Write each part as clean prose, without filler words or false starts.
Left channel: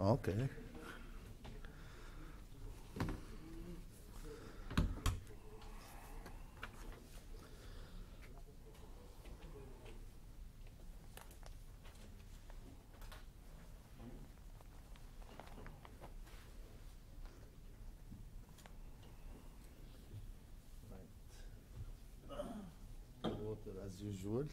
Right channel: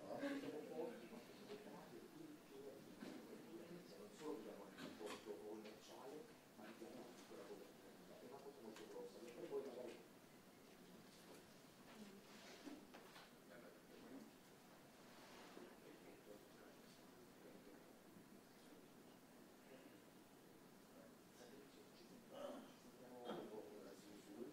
Okay. Water as usual.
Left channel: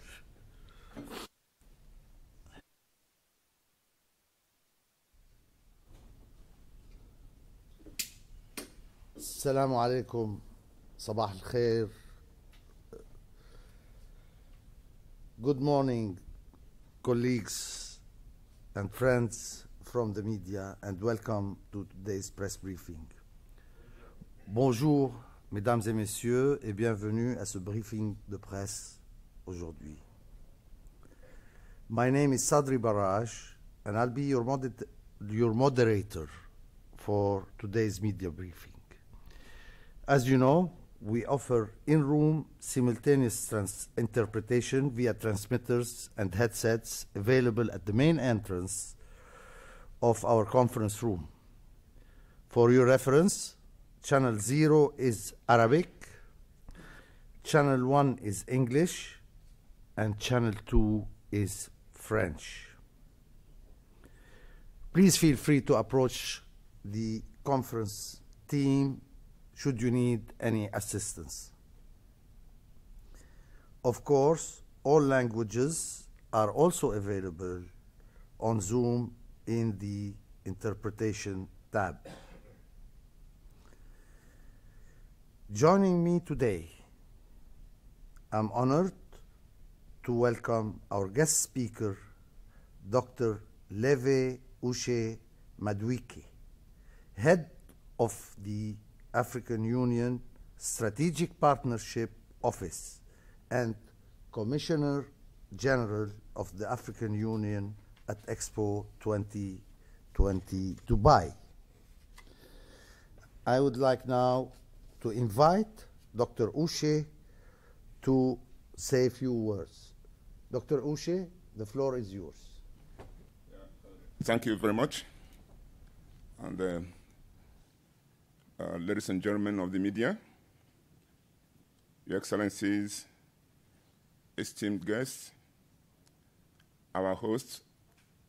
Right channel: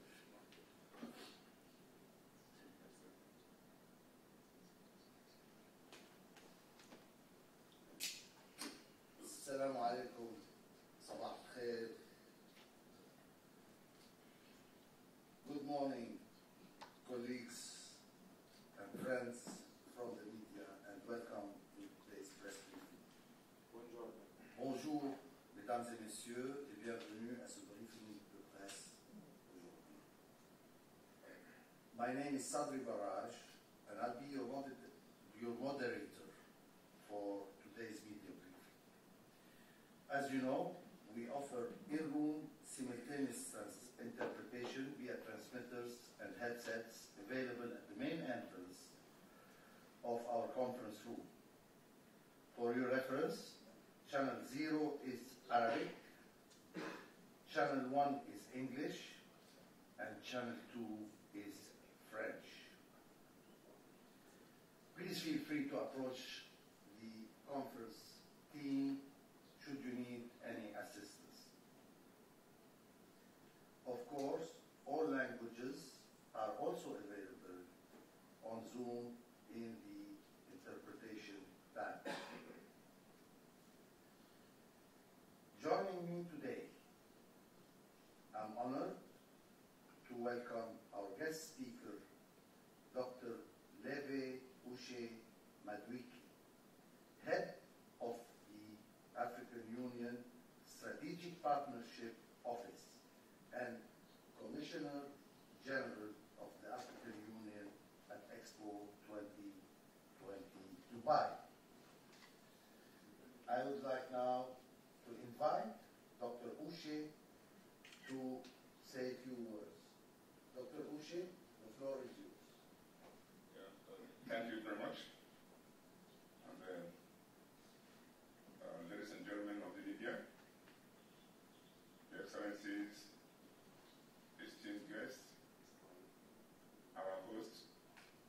السلام عليكم. صباح الخير. Good morning, colleagues and friends from the media, and welcome to today's press briefing. Bonjour, mesdames et messieurs, et bienvenue à ce briefing de presse aujourd'hui. My name is Sadri Barraj, and I'll be your moderator for today's media briefing. As you know, we offer in-room simultaneous interpretation via transmitters and headsets available at the main entrance of our conference room. For your reference, Channel 0 is Arabic, Channel 1 is English, and Channel 2 is French. Please feel free to approach the conference team should you need any assistance. Of course, all languages are also available on Zoom in the Interpretation tab. Joining me today, I'm honored to welcome our guest speaker, Dr. Levi Uche Madueke, head of the African Union Strategic Partnership Office and Commissioner General of the African Union at Expo 2020 Dubai. I would like now to invite Dr. Uche to say a few words. Dr. Uche, the floor is yours. Thank you very much. And ladies and gentlemen of the media, Your Excellencies, esteemed guests, our host,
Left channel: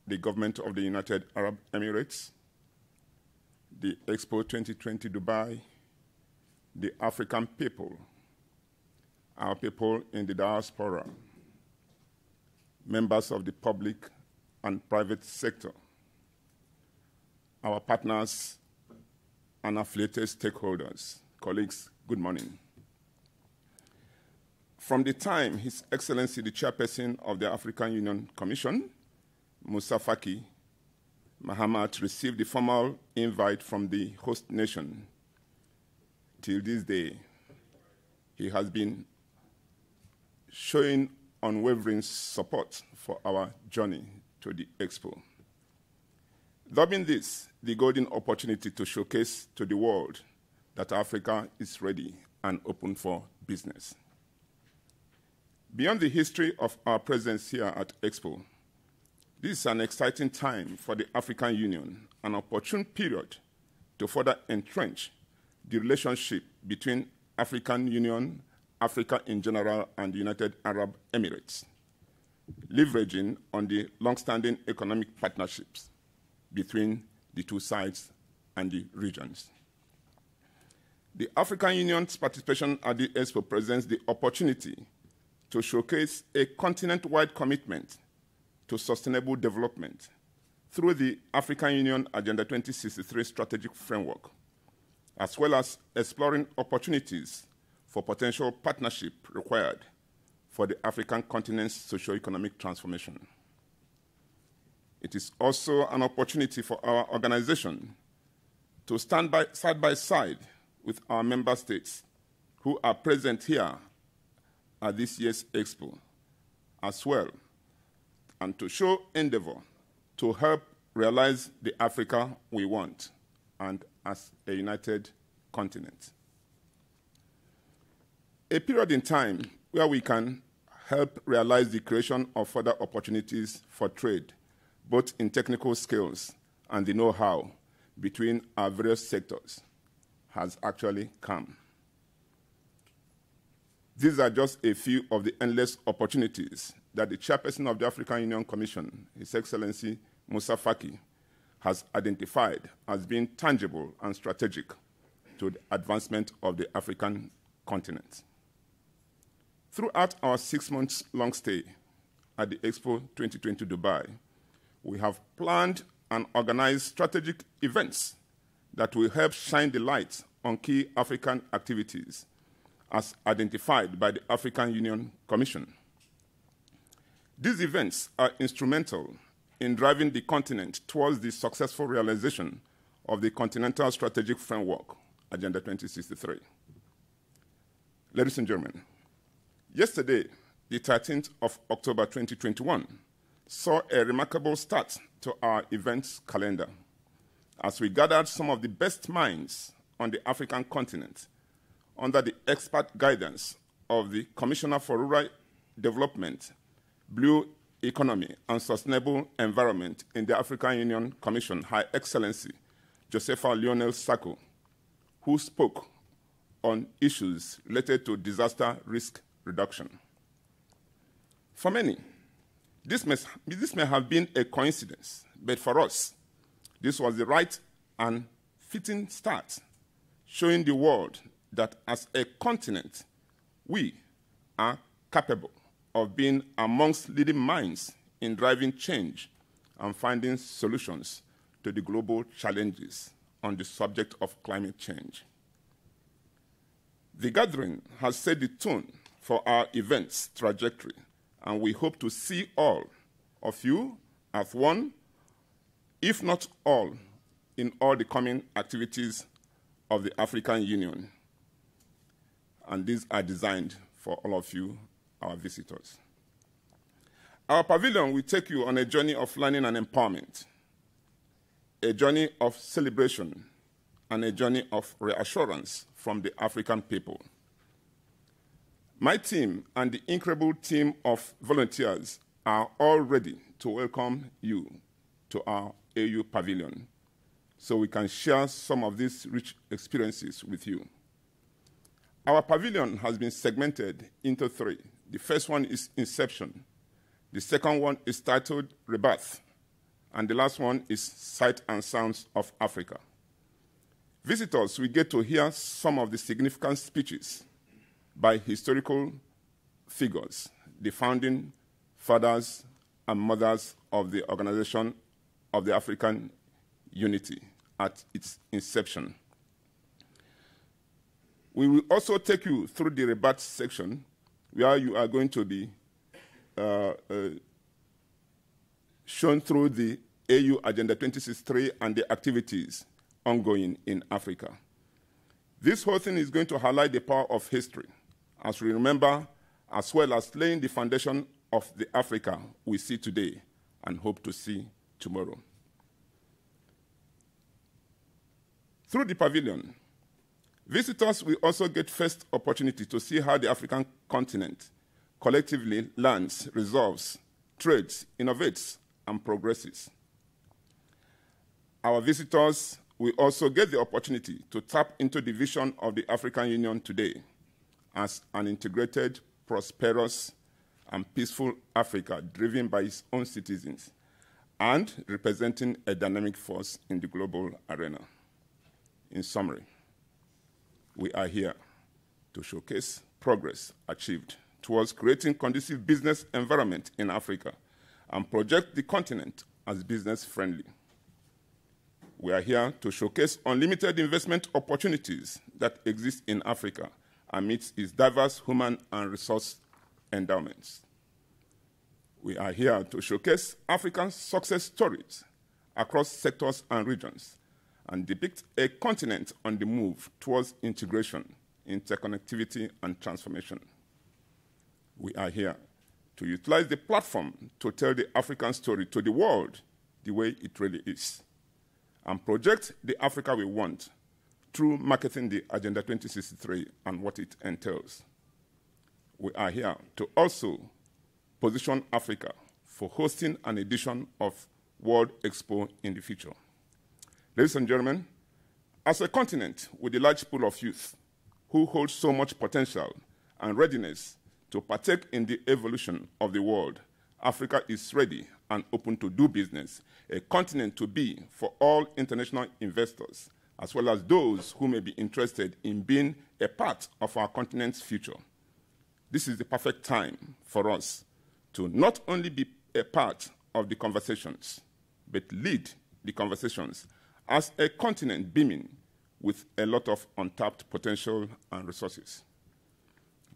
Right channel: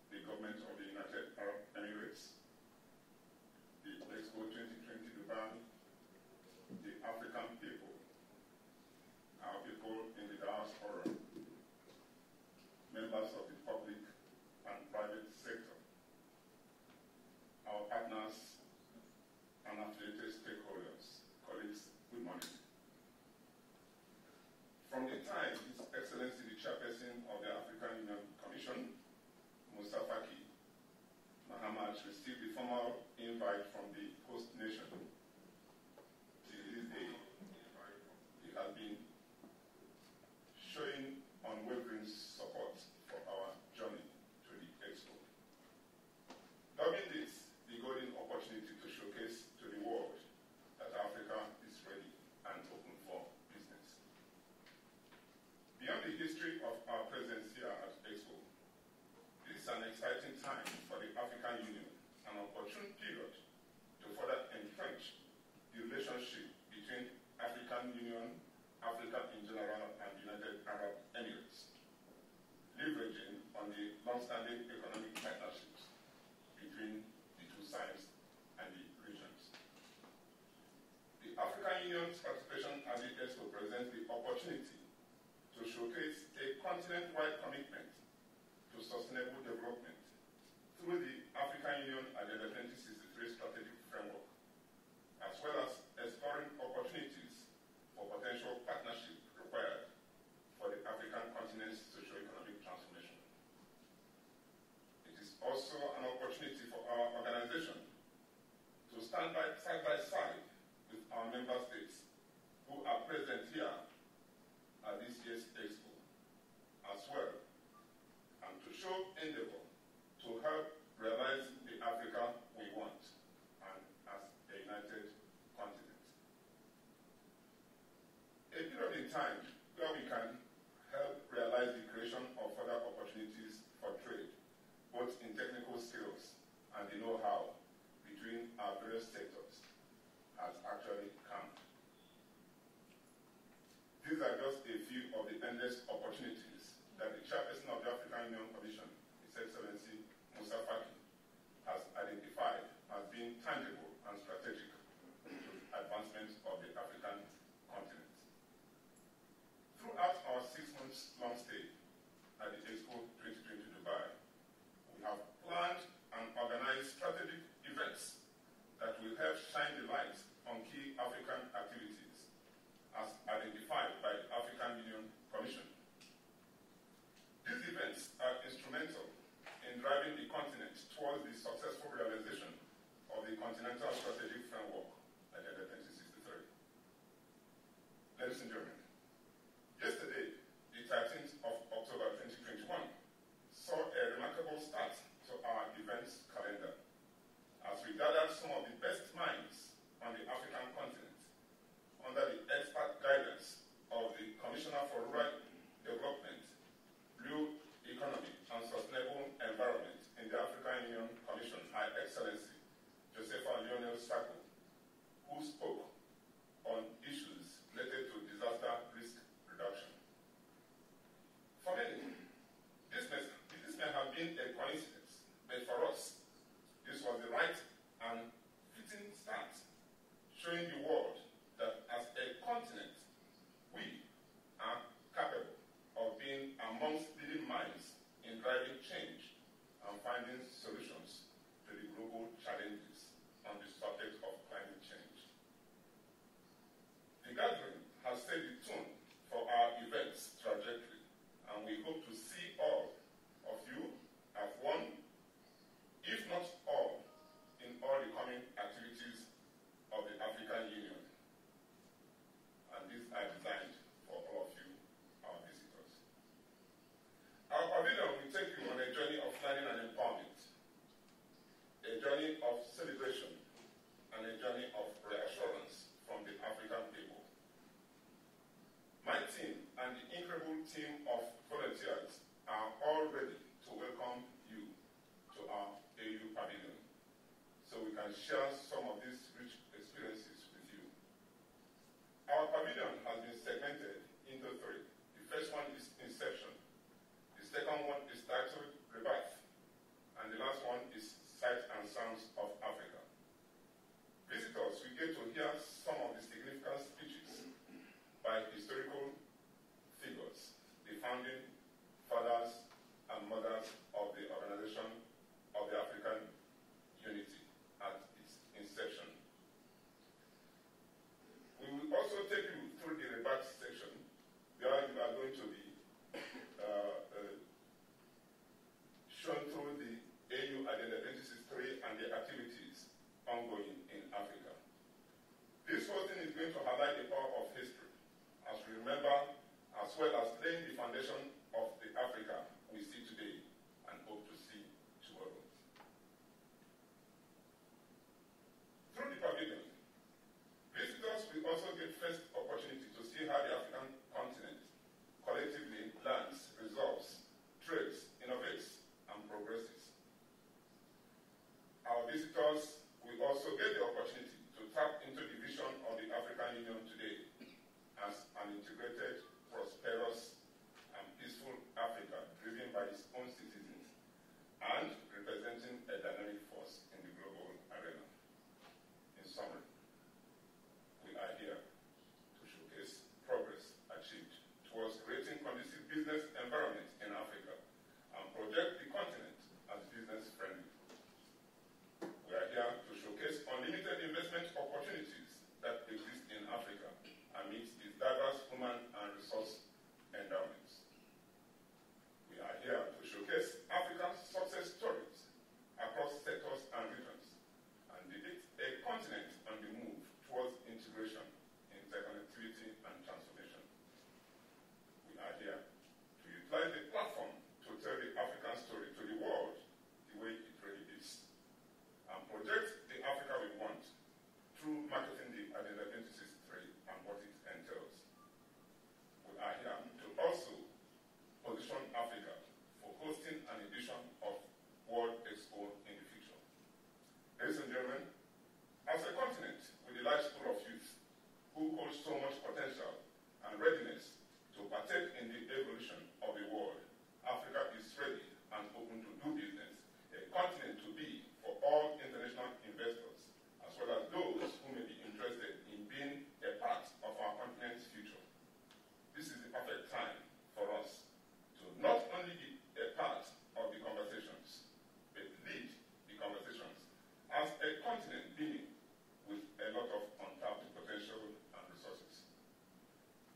the government of the United Arab Emirates, the Expo 2020 Dubai, the African people, our people in the diaspora, members of the public and private sector, our partners and affiliated stakeholders, colleagues, good morning. From the time His Excellency the Chairperson of the African Union Commission, Moussa Faki Mahamat, received the formal invite from the host nation, till this day, he has been showing unwavering support for our journey to the Expo. Dubbing this the golden opportunity to showcase to the world that Africa is ready and open for business. Beyond the history of our presence here at Expo, this is an exciting time for the African Union, an opportune period to further entrench the relationship between African Union, Africa in general, and the United Arab Emirates, leveraging on the long-standing economic partnerships between the two sides and the regions. The African Union's participation at the Expo presents the opportunity to showcase a continent-wide commitment to sustainable development through the African Union Agenda 2063 strategic framework, as well as exploring opportunities for potential partnership required for the African continent's socio-economic transformation. It is also an opportunity for our organization to stand side by side with our member states who are present here at this year's Expo as well, and to show endeavor to help realize the Africa we want, and as a united continent. A period in time where we can help realize the creation of further opportunities for trade, both in technical skills and the know-how between our various sectors has actually come. These are just a few of the endless opportunities that the chairperson of the African Union Commission, His Excellency Moussa Faki, has identified as being tangible and strategic to the advancement of the African continent. Throughout our 6-month-long stay at the Expo 2020 Dubai, we have planned and organized strategic events that will help shine the light on key African activities as identified by the African Union Commission. These events are instrumental in driving the continent towards the successful realization of the Continental Strategic Framework, Agenda 2063. Ladies and gentlemen, yesterday, the 13th of October 2021, saw a remarkable start to our events calendar as we gathered some of the best minds on the African continent under the expert guidance of the Commissioner for Rural Development, Blue Economy and Sustainable Environment in the African Union Commission, Her Excellency Josepha Lionel Sacco, who spoke on issues related to disaster risk reduction. For many, this may have been a coincidence, but for us, this was the right and fitting start, showing the world that as a continent, we are capable of being amongst leading minds in driving change and finding solutions to the global challenges on the subject of climate change. The gathering has set the tone for our event's trajectory, and we hope to see all of you as one, if not all, in all the coming activities of the African Union. And these are designed for all of you, our visitors. Our pavilion will take you on a journey of learning and empowerment, a journey of celebration, and a journey of reassurance from the African people. My team and the incredible team of volunteers are all ready to welcome you to our AU pavilion so we can share some of these rich experiences with you. Our pavilion has been segmented into 3. The first one is Inception. The second one is titled Rebirth. And the last one is Sight and Sounds of Africa. Visitors will get to hear some of the significant speeches by historical figures, the founding fathers and mothers of the Organization of the African Unity at its inception. We will also take you through the rebirth section, where you are going to be shown through the AU Agenda 2063 and the activities ongoing in Africa. This whole thing is going to highlight the power of history, as we remember, as well as laying the foundation of the Africa we see today and hope to see tomorrow. Through the pavilion, visitors will also get first opportunity to see how the African continent collectively learns, resolves, trades, innovates, and progresses. Our visitors will also get the opportunity to tap into the vision of the African Union today as an integrated, prosperous, and peaceful Africa driven by its own citizens and representing a dynamic force in the global arena. In summary, we are here to showcase progress achieved towards creating conducive business environment in Africa and project the continent as business-friendly. We are here to showcase unlimited investment opportunities that exist in Africa amidst its diverse human and resource endowments. We are here to showcase African success stories across sectors and regions and depict a continent on the move towards integration, interconnectivity, and transformation. We are here to utilize the platform to tell the African story to the world the way it really is, and project the Africa we want through marketing the Agenda 2063 and what it entails. We are here to also position Africa for hosting an edition of World Expo in the future. Ladies and gentlemen, as a continent with a large pool of youth who hold so much potential and readiness to partake in the evolution of the world, Africa is ready and open to do business, a continent to be for all international investors, as well as those who may be interested in being a part of our continent's future. This is the perfect time for us to not only be a part of the conversations, but lead the conversations as a continent beaming with a lot of untapped potential and resources.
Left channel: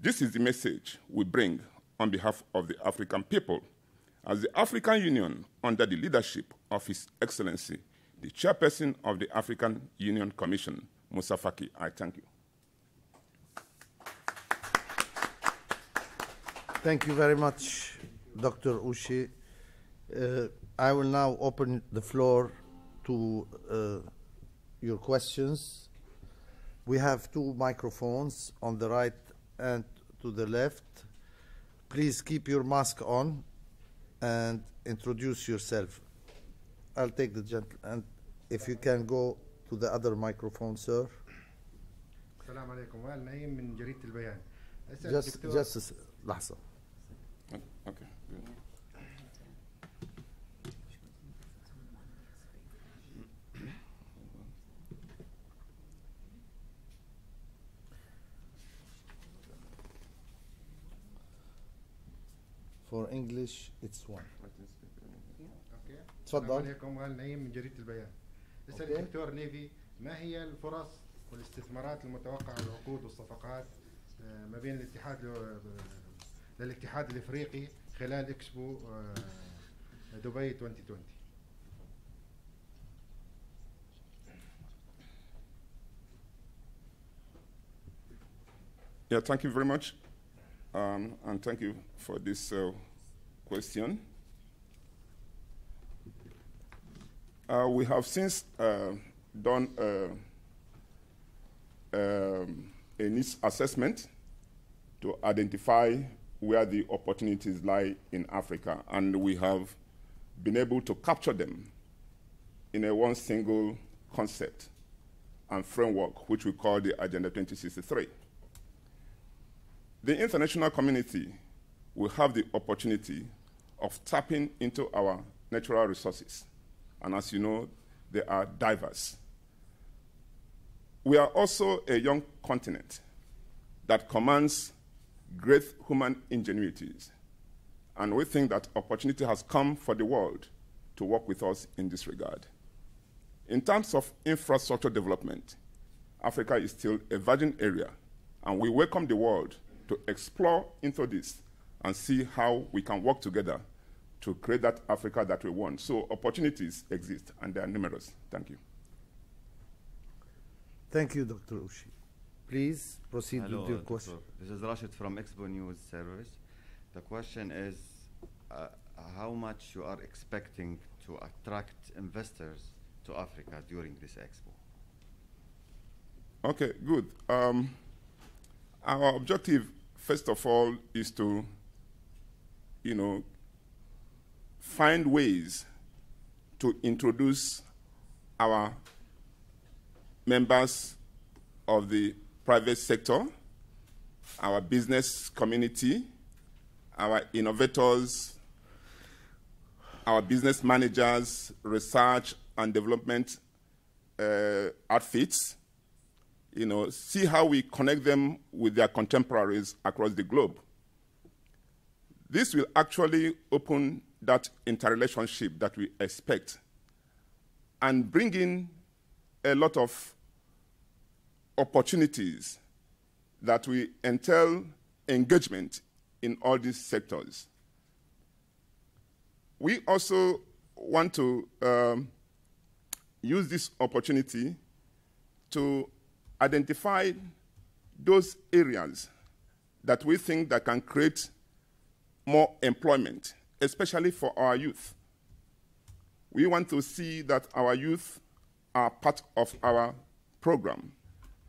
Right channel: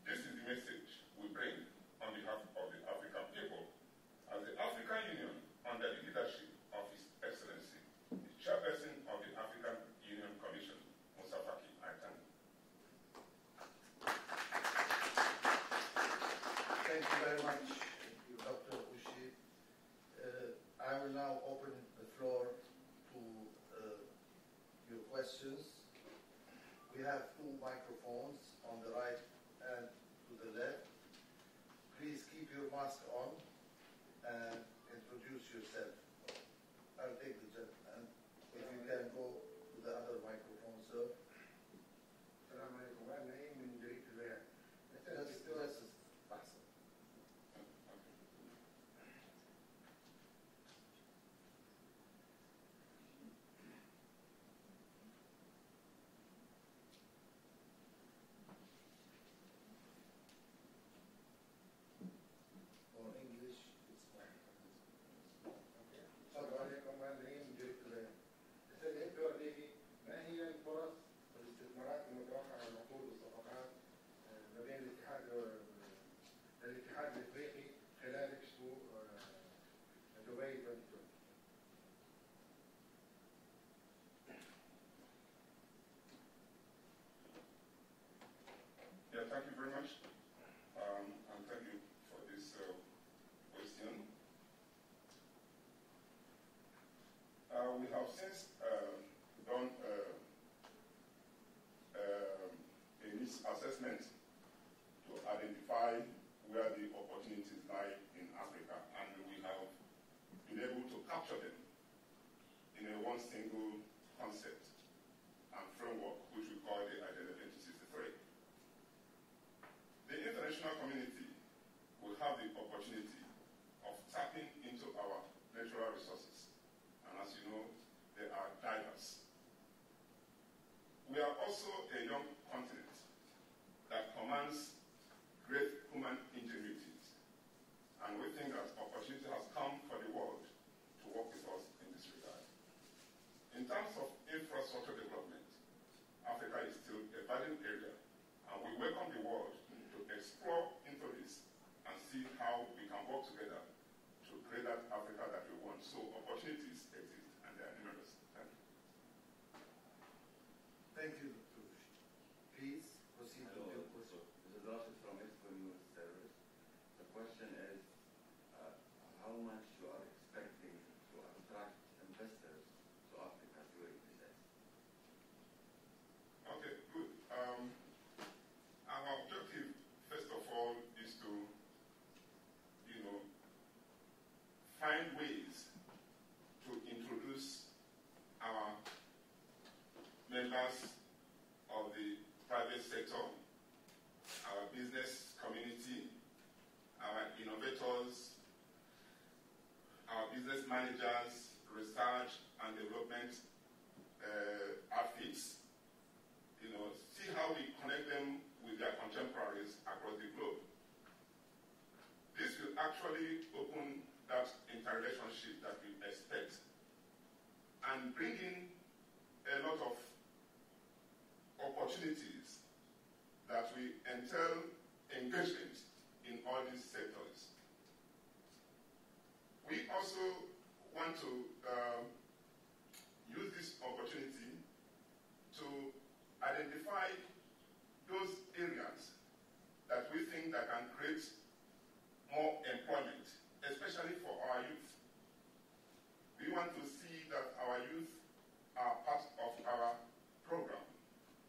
This is the message we bring on behalf of the African people as the African Union, under the leadership of His Excellency, the Chairperson of the African Union Commission, Moussa Faki. I thank you. Thank you very much, Dr. Uche. I will now open the floor to your questions. We have 2 microphones on the right and to the left. Please keep your mask on and introduce yourself. I'll take the gentleman, and if you can go to the other microphone, sir. السلام عليكم. وائل نعيم من جريدة البيان. Just لحظة. Okay. For English, it's 1. السلام تفضل. عليكم. وائل نعيم من جريدة البيان. يسأل الدكتور ليفي ما هي الفرص والاستثمارات المتوقعة والعقود والصفقات ما بين الاتحاد الافريقي خلال اكسبو دبي 2020. Yeah, thank you very much, and thank you for this question. We have since done a needs assessment to identify where the opportunities lie in Africa, and we have been able to capture them in a one single concept and framework, which we call the Agenda 2063. The international community will have the opportunity of tapping into our natural resources, and as you know, they are diverse. We are also a young continent that commands great human ingenuities, and we think that opportunity has come for the world to work with us in this regard. In terms of infrastructure development, Africa is still a virgin area, and we welcome the world to explore into this and see how we can work together to create that Africa that we want. So opportunities exist, and they are numerous. Thank you. Thank you, Dr. Uche. Please proceed Hello, with your Dr. question. This is Rashid from Expo News Service. The question is how much you are expecting to attract investors to Africa during this expo? Okay, good. Our objective, first of all, is to, find ways to introduce our members of the private sector, our business community, our innovators, our business managers, research and development outfits, see how we connect them with their contemporaries across the globe. This will actually open that interrelationship that we expect and bring in a lot of opportunities that will entail engagement in all these sectors. We also want to use this opportunity to identify those areas that we think that can create more employment, especially for our youth. We want to see that our youth are part of our program,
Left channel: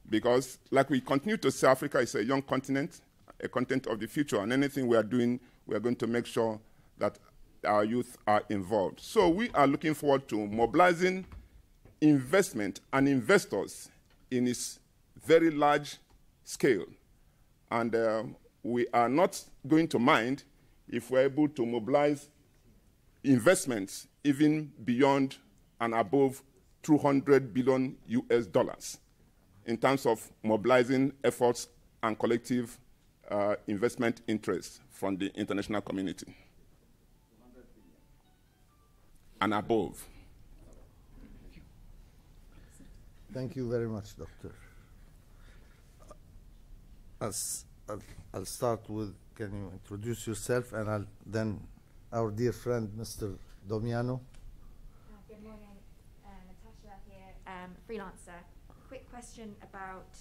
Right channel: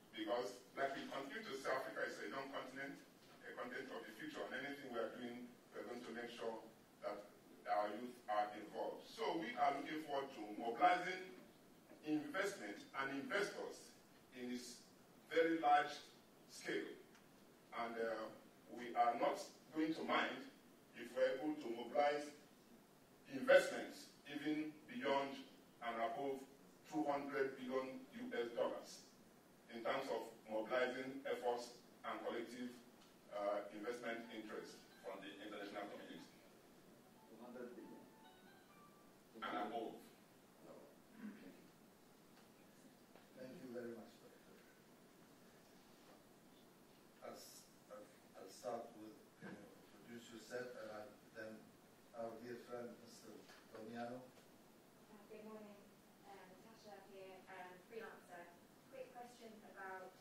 because like we continue to say, Africa is a young continent, a continent of the future, and anything we are doing, we are going to make sure that our youth are involved. So we are looking forward to mobilizing investment and investors in its very large scale. And we are not going to mind if we're able to mobilize investments even beyond and above 200 billion US dollars in terms of mobilizing efforts and collective investment interests from the international community. 200 billion. And above. Thank you very much, Doctor. I'll start with, can you introduce yourself, and then our dear friend, Mr. Domiano. Good morning, Natasha here, freelancer. Quick question about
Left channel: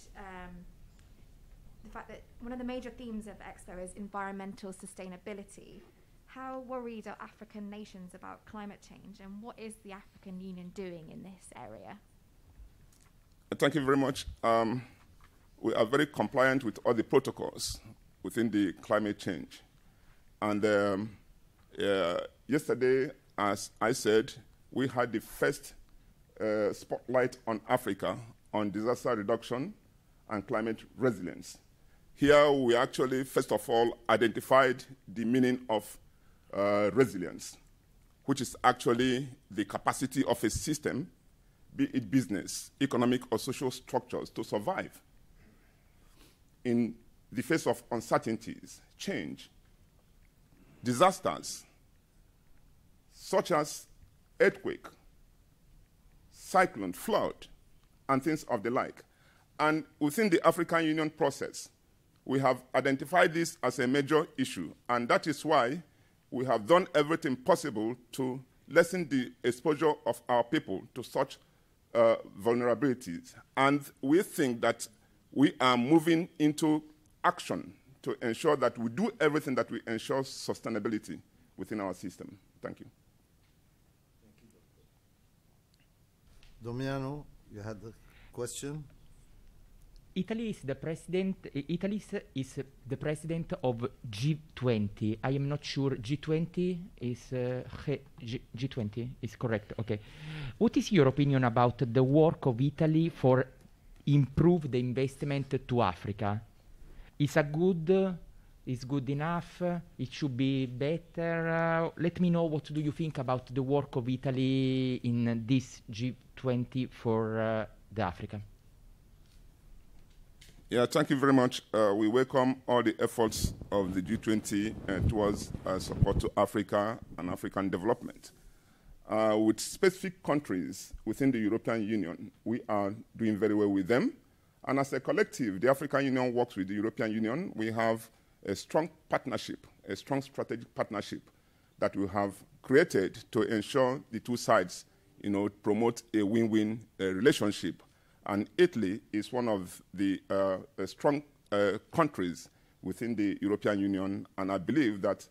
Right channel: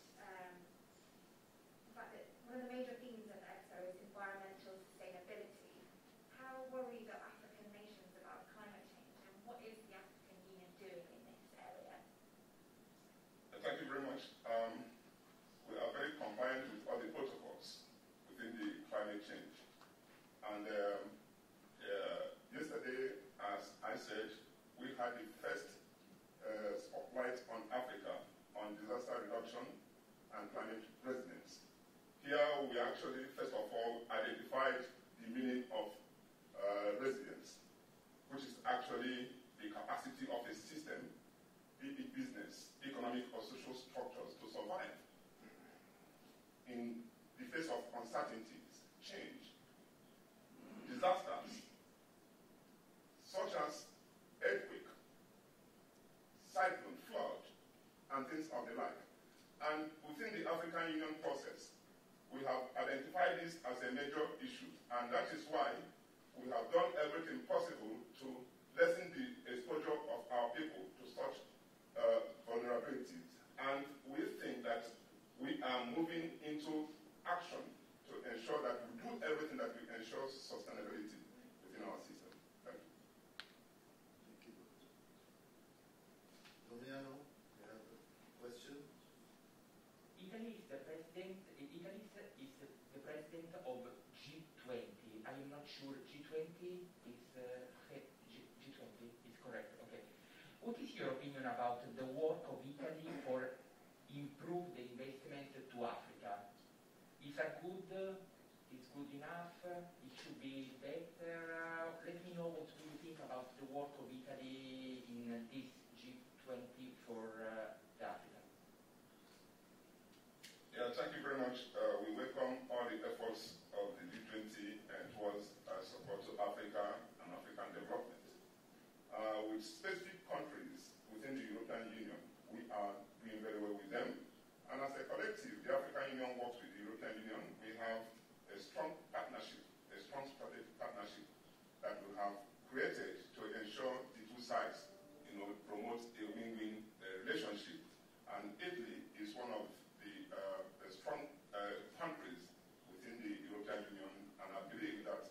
the fact that one of the major themes of Expo is environmental sustainability. How worried are African nations about climate change, and what is the African Union doing in this area? Thank you very much. We are very compliant with all the protocols within the climate change. And yesterday, as I said, we had the first spotlight on Africa on disaster reduction and climate resilience. Here we actually, first of all, identified the meaning of resilience, which is actually the capacity of a system, be it business, economic, or social structures, to survive in the face of uncertainties, change, disasters, such as earthquake, cyclone, flood, and things of the like. And within the African Union process, we have identified this as a major issue, and that is why we have done everything possible to lessen the exposure of our people to such vulnerabilities. And we think that we are moving into action to ensure that we do everything that will ensure sustainability within our system. Thank you. Domiano, you had a question? Italy is the president of G20. I am not sure G20 is G20 is correct. Okay. What is your opinion about the work of Italy for improve the investment to Africa? Is good enough? It should be better. Let me know, what do you think about the work of Italy in this G20 for the Africa? Yeah, thank you very much. We welcome all the efforts of the G20 towards support to Africa and African development. With specific countries within the European Union, we are doing very well with them. And as a collective, the African Union works with the European Union. We have a strong partnership, a strong strategic partnership that we have created to ensure the two sides, promote a win-win relationship. And Italy is one of the strong countries within the European Union, and I believe that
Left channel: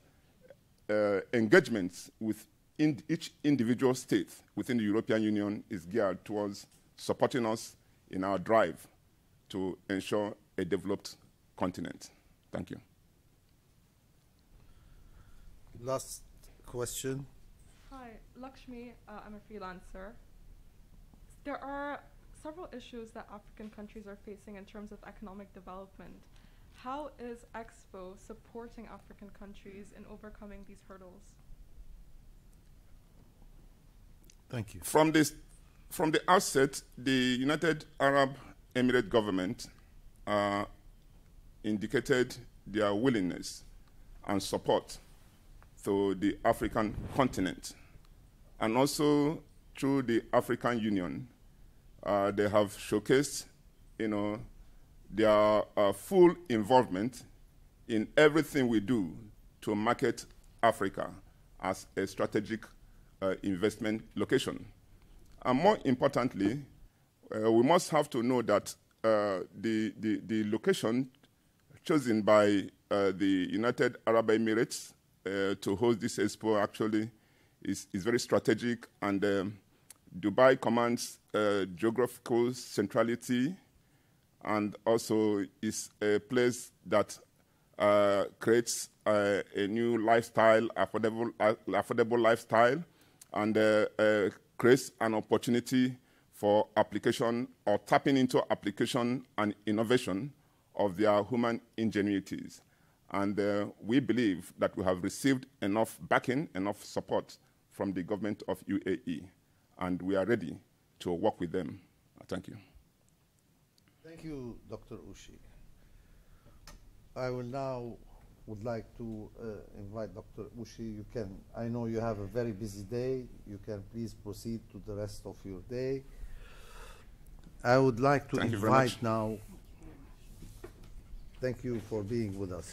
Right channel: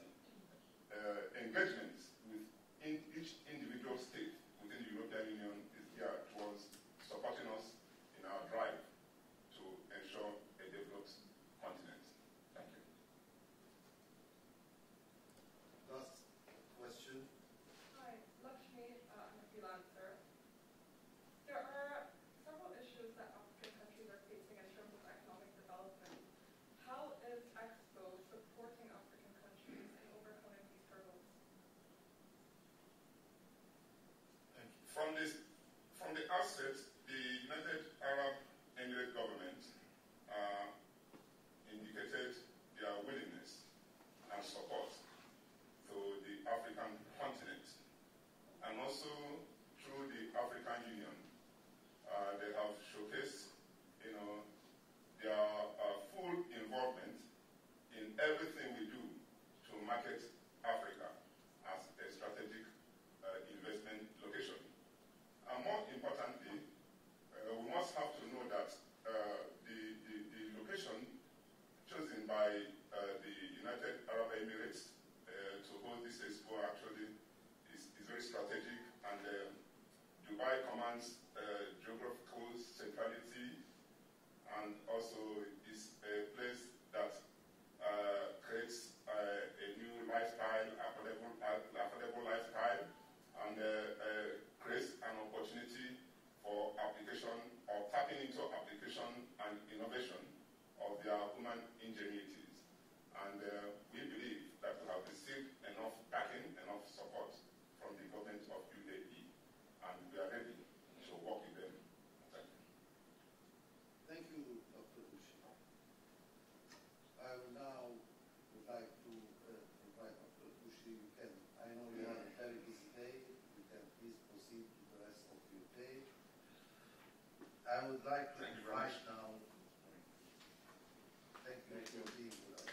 engagements with each individual state within the European Union is geared towards supporting us in our drive to ensure a developed continent. Thank you. Last question. Hi, Lakshmi. I'm a freelancer. There are several issues that African countries are facing in terms of economic development. How is Expo supporting African countries in overcoming these hurdles? Thank you. From the outset, the United Arab Emirates government indicated their willingness and support to the African continent, and also through the African Union. They have showcased, their full involvement in everything we do to market Africa as a strategic investment location. And more importantly, we must have to know that the location chosen by the United Arab Emirates to host this expo actually is very strategic, and Dubai commands geographical centrality, and also is a place that creates a new lifestyle, affordable lifestyle, and creates an opportunity for application or tapping into application and innovation of their human ingenuities. And we believe that we have received enough backing, enough support from the government of UAE, and we are ready to work with them. Thank you. Thank you, Dr. Uche. I will now would like to invite Dr. Uche. You can, I know you have a very busy day. You can please proceed to the rest of your day. I would like to invite now. Thank you for being with us.